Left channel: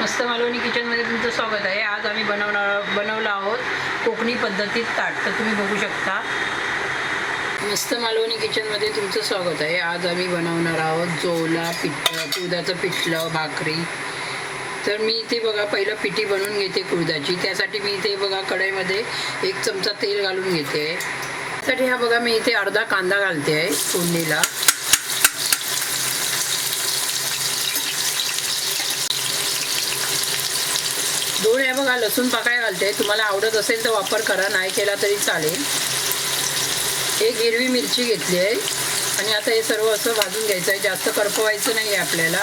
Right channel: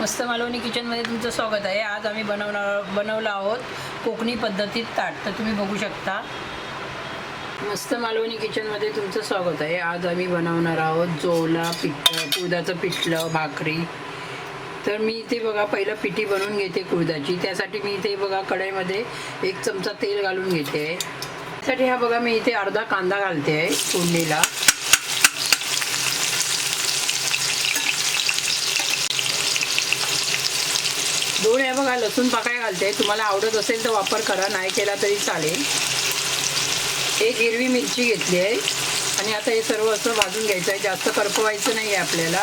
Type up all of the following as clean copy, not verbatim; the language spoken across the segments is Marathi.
मस्त मालवणी किचनमध्ये तुमचं स्वागत आहे। आज आम्ही बनवलं आहोत कोकणी पद्धतीत ताट। तर तुम्ही बघू शकता। मस्त मालवणी किचनमध्ये तुमचं स्वागत आहे। आज आम्ही बनवणार आहोत जोला कुळदाचं पिठलं भाकरी। तर मी इथे बघा पहिलं पिठी बनवून घेते कुळदाची। त्यासाठी मी इथे बघा कढईमध्ये 1 चमचा तेल घालून घेते। त्यासाठी हा बघा मी इथे अर्धा कांदा घालते आहे फोडणीला। दोन आहे बघा लसूण पाकळ्या घालते। तुम्हाला आवडत असेल तर वापर करा, नाही केला तरी चालेल। 1 हिरवी मिरची घेतली आहे आणि आता हे सर्व असं भाजून घ्यायचं आहे। जास्त करपवायचं नाही आहे आपल्याला।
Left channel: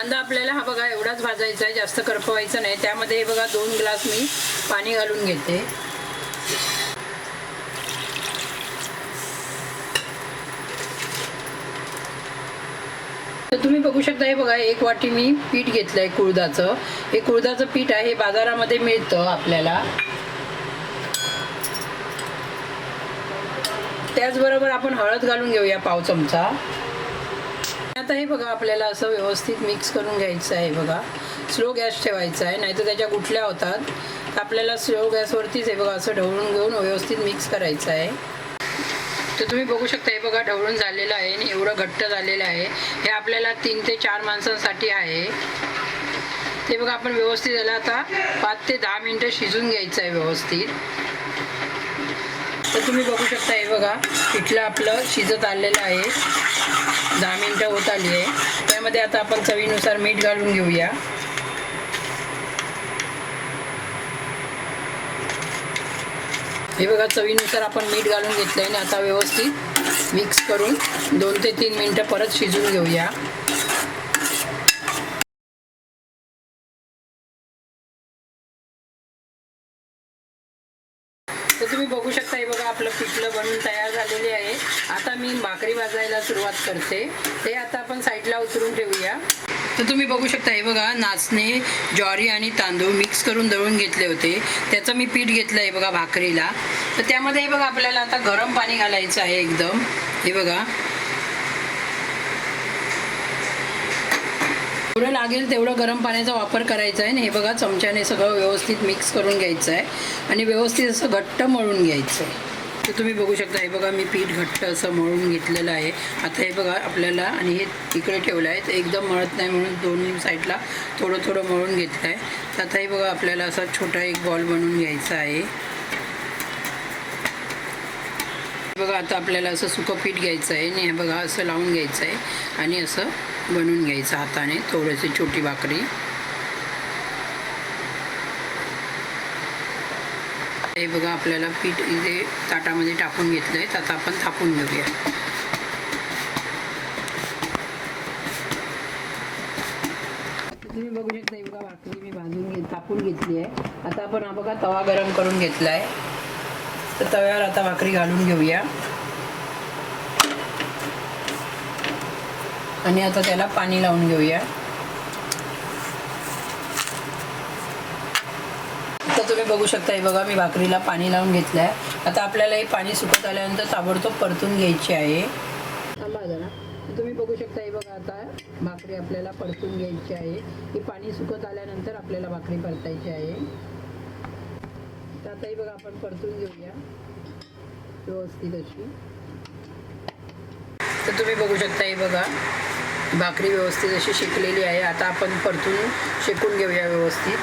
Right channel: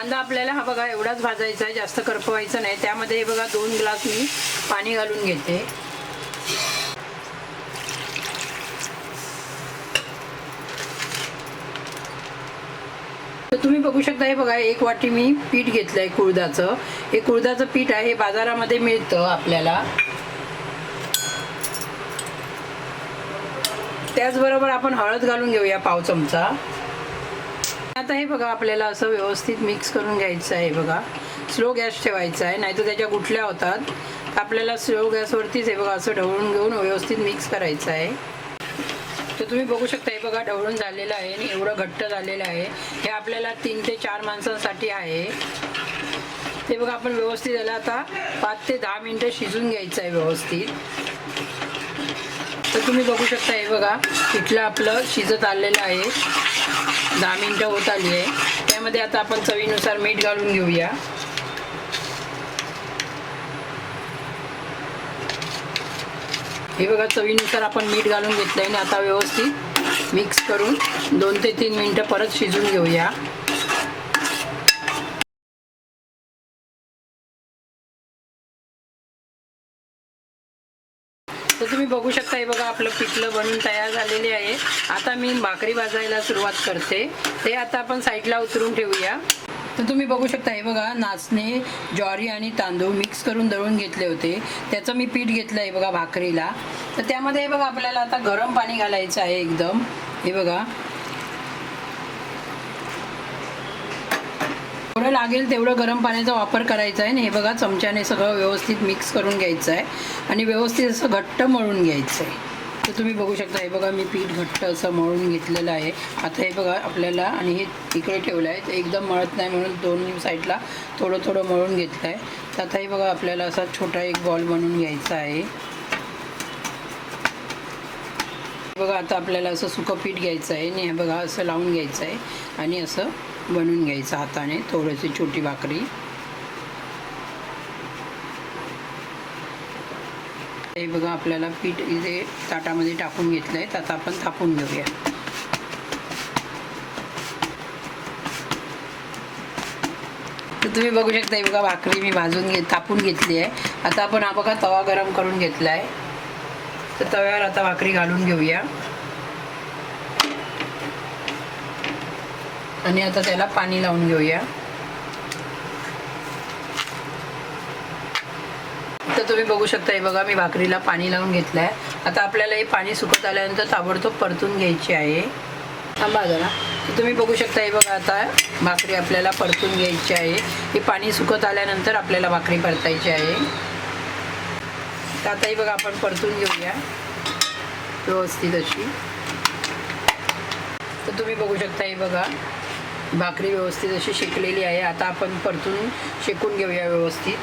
कांदा आपल्याला हा बघा एवढाच भाजायचा आहे, जास्त करपवायचं नाही। त्यामध्ये हे बघा 2 ग्लास मी पाणी घालून घेते। तर तुम्ही बघू शकता हे बघा 1 वाटी मी पीठ घेतलंय कुळदाचं। हे कुळदाचं पीठ आहे, हे बाजारामध्ये मिळतं आपल्याला। त्याचबरोबर आपण हळद घालून घेऊया पाव चमचा। आता हे बघा आपल्याला असं व्यवस्थित मिक्स करून घ्यायचं आहे। बघा स्लो गॅस ठेवायचा आहे, नाहीतर त्याच्या गुठल्या होतात। आपल्याला स्लो गॅसवरतीच हे बघा असं ढवळून घेऊन व्यवस्थित मिक्स करायचं आहे। तर तुम्ही बघू शकता हे बघा ढवळून झालेलं आहे आणि एवढं घट्ट झालेलं आहे। हे आपल्याला 3 ते 4 माणसांसाठी आहे। ते बघा आपण व्यवस्थित याला आता 5 ते 10 मिनिटं शिजून घ्यायचं आहे व्यवस्थित। तर तुम्ही बघू शकता हे बघा पिठलं आपलं शिजत आलेलं आहे। 10 मिनिटं होत आली आहे। त्यामध्ये आता आपण चवीनुसार मीठ घालून घेऊया। हे बघा चवीनुसार आपण मीठ घालून घेतलंय आणि आता व्यवस्थित मिक्स करून 2 ते 3 मिनिटं परत शिजून घेऊया। तर तुम्ही बघू शकता हे बघा आपलं पिठलं बनून तयार झालेले आहे। आता मी भाकरी भाजायला सुरुवात करते। ते आता आपण साईडला उतरून ठेवूया। तर तुम्ही बघू शकता हे बघा नाचणे, ज्वारी आणि तांदूळ मिक्स करून दळून घेतले होते। त्याचं मी पीठ घेतलं आहे बघा भाकरीला। तर त्यामध्ये हे बघा आपल्याला आता गरम पाणी घालायचं आहे एकदम। हे बघा जेवढं लागेल तेवढं गरम पाण्याचा वापर करायचा आहे आणि हे बघा चमच्याने सगळं व्यवस्थित मिक्स करून घ्यायचं आहे आणि व्यवस्थित असं घट्ट मळून घ्यायचं आहे। तर तुम्ही बघू शकता हे बघा मी पीठ घट्ट असं मळून घेतलेलं आहे। आता हे बघा आपल्याला आणि हे इकडे ठेवलं आहे, तर एकदम मळत नाही म्हणून 2 साईडला थोडं थोडं मळून घेतलं आहे। तर आता हे बघा आपल्याला असा छोटा एक बॉल बनवून घ्यायचा आहे। बघा आता आपल्याला असं सुकं पीठ घ्यायचं आहे आणि हे बघा असं लावून घ्यायचं आहे आणि असं बनवून घ्यायचं हाताने थोडीशी छोटी भाकरी। हे बघा आपल्याला पीठ इथे ताटामध्ये टाकून घेतलं आहे। आता आपण थापून घेऊया। तर तुम्ही बघू शकता हे बघा भाकरी मी थापून घेतली आहे। आता आपण हा बघा तवा गरम करून घेतला आहे। तर तव्यावर आता भाकरी घालून घेऊया आणि आता त्याला पाणी लावून घेऊया। तर तुम्ही बघू शकता हे बघा मी भाकरीला पाणी लावून घेतलं आहे। आता आपल्याला हे पाणी सुकत आल्यानंतर ताबडतोब परतून घ्यायची आहे। थांबा जरा। तर तुम्ही बघू शकता हे बघा आता भाकरी आपल्याला परतून घ्यायची आहे। हे पाणी सुकत आल्यानंतर आपल्याला भाकरी परतायची आहे। तर आता हे बघा आपण परतून घेऊया व्यवस्थित अशी। तर तुम्ही बघू शकता हे बघा भाकरी व्यवस्थित अशी शेकलेली आहे। आता आपण परतून शेकून घेऊया व्यवस्थित।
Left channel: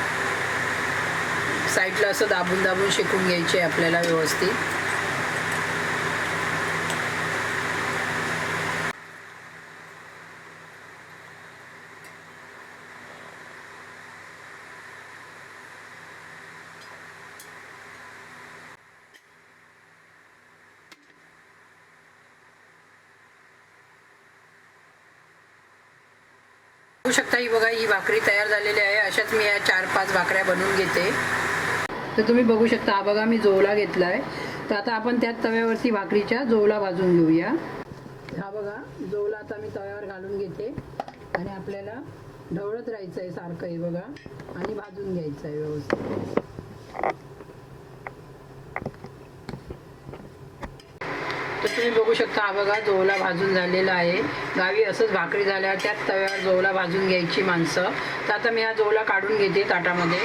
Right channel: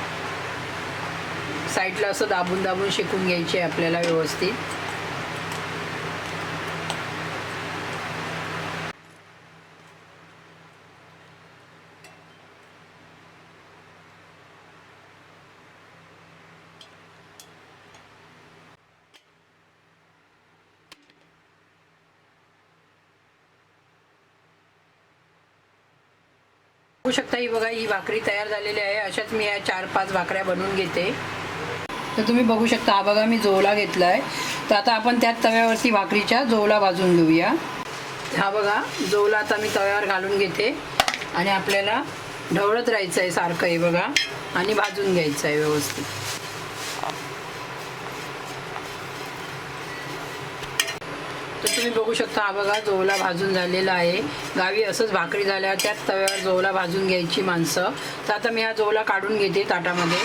साईडला असं दाबून दाबून शेकून घ्यायची आहे आपल्याला व्यवस्थित। बघू शकता ही बघा ही भाकरी तयार झालेली आहे। अशाच मी या 4-5 भाकऱ्या बनवून घेते। तर तुम्ही बघू शकता हा बघा मी जोला घेतला आहे। तर आता आपण त्याच तव्यावरती भाकरीच्या जोला भाजून घेऊया। हा बघा जोला आता मी तव्यावर घालून घेते आणि आपल्याला ढवळत राहायचं आहे सारखं हे बघा आणि भाजून घ्यायचं आहे व्यवस्थित। तर तुम्ही तुम्ही बघू शकता हा बघा जोला भाजून झालेला आहे. गावी असंच भाकरी झाल्या त्याच तव्यावर जोला भाजून घ्यायची माणसं. तर आता मी हा जोला काढून घेते ताटामध्ये.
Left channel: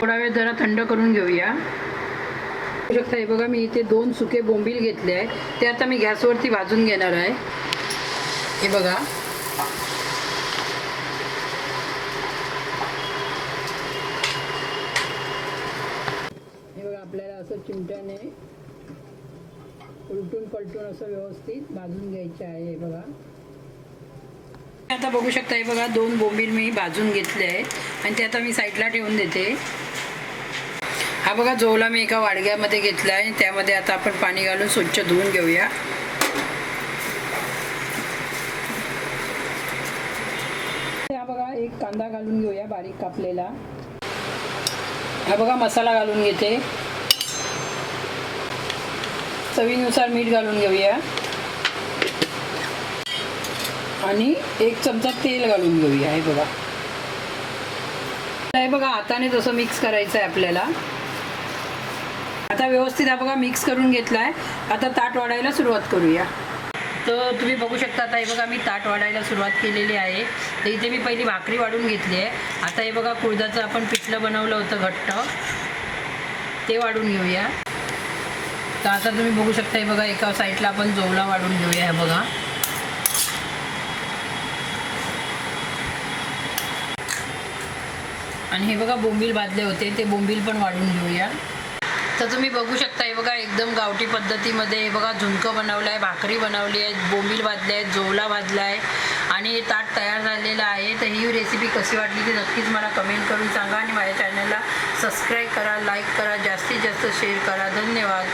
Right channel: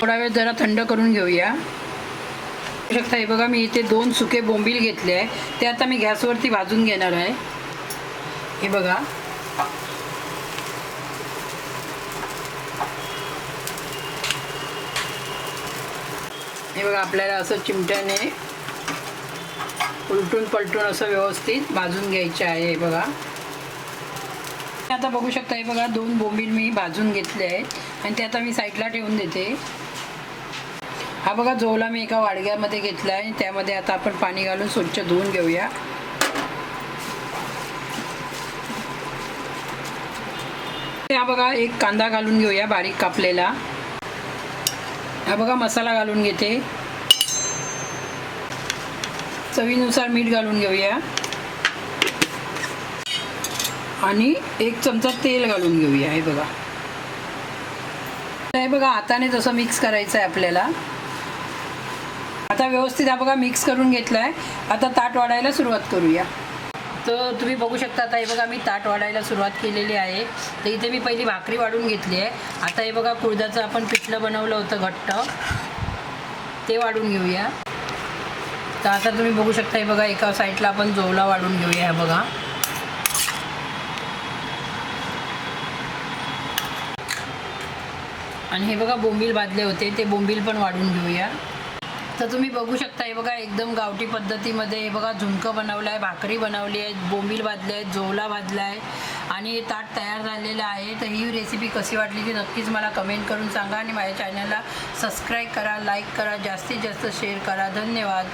थोडा वेळ जरा थंड करून घेऊया. बघू शकता हे बघा मी इथे 2 सुके बोंबील घेतले आहे. ते आता मी गॅसवरती भाजून घेणार आहे. हे बघा आपल्याला असं चिमट्याने उलटून पलटून असं व्यवस्थित भाजून घ्यायचे आहे. हे बघा आता बघू शकता हे बघा 2 बोंबील मी भाजून घेतले आहे आणि ते आता मी साईडला ठेवून देते. हा बघा जोला मी एका वाडग्यामध्ये घेतला आहे. त्यामध्ये आता आपण पाणी घालून स्वच्छ धुवून घेऊया. हा बघा एक कांदा घालून घेऊया बारीक कापलेला. हा बघा मसाला घालून घेते. चवीनुसार मीठ घालून घेऊया आणि 1 चमचा तेल घालून घेऊया. हे बघा हे बघा हाताने तसं मिक्स करायचं आहे आपल्याला. आता व्यवस्थित हा बघा मिक्स करून घेतला आहे. आता ताट वाढायला सुरुवात करूया. तर तुम्ही बघू शकता आता हे बघा मी ताट वाढायला सुरुवात केलेली आहे. तर इथे मी पहिली भाकरी वाढून घेतली आहे. आता हे बघा कुळदाचं आपण पिठलं बनवलं होतं घट्ट ते वाढून घेऊया. तर आता तुम्ही बघू शकता हे बघा एका साईडला आपण जोला वाढून घेऊया. हे बघा आणि हे बघा बोंबील भाजले होते ते बोंबील पण वाढून घेऊया. तर तुम्ही बघू शकता हे बघा एकदम गावठी पद्धतीमध्ये हे बघा झुणकं बनवलं आहे, भाकरी बनवली आहे, बोंबील भाजले आहेत, जोला भाजला आहे आणि ताट तयार झालेलं आहे. तर ही रेसिपी कशी वाटली ती नक्कीच मला कमेंट करून सांगा आणि माझ्या चॅनलला सबस्क्राईब करा, लाईक करा, जास्तीत जास्त शेअर करा. धन्यवाद.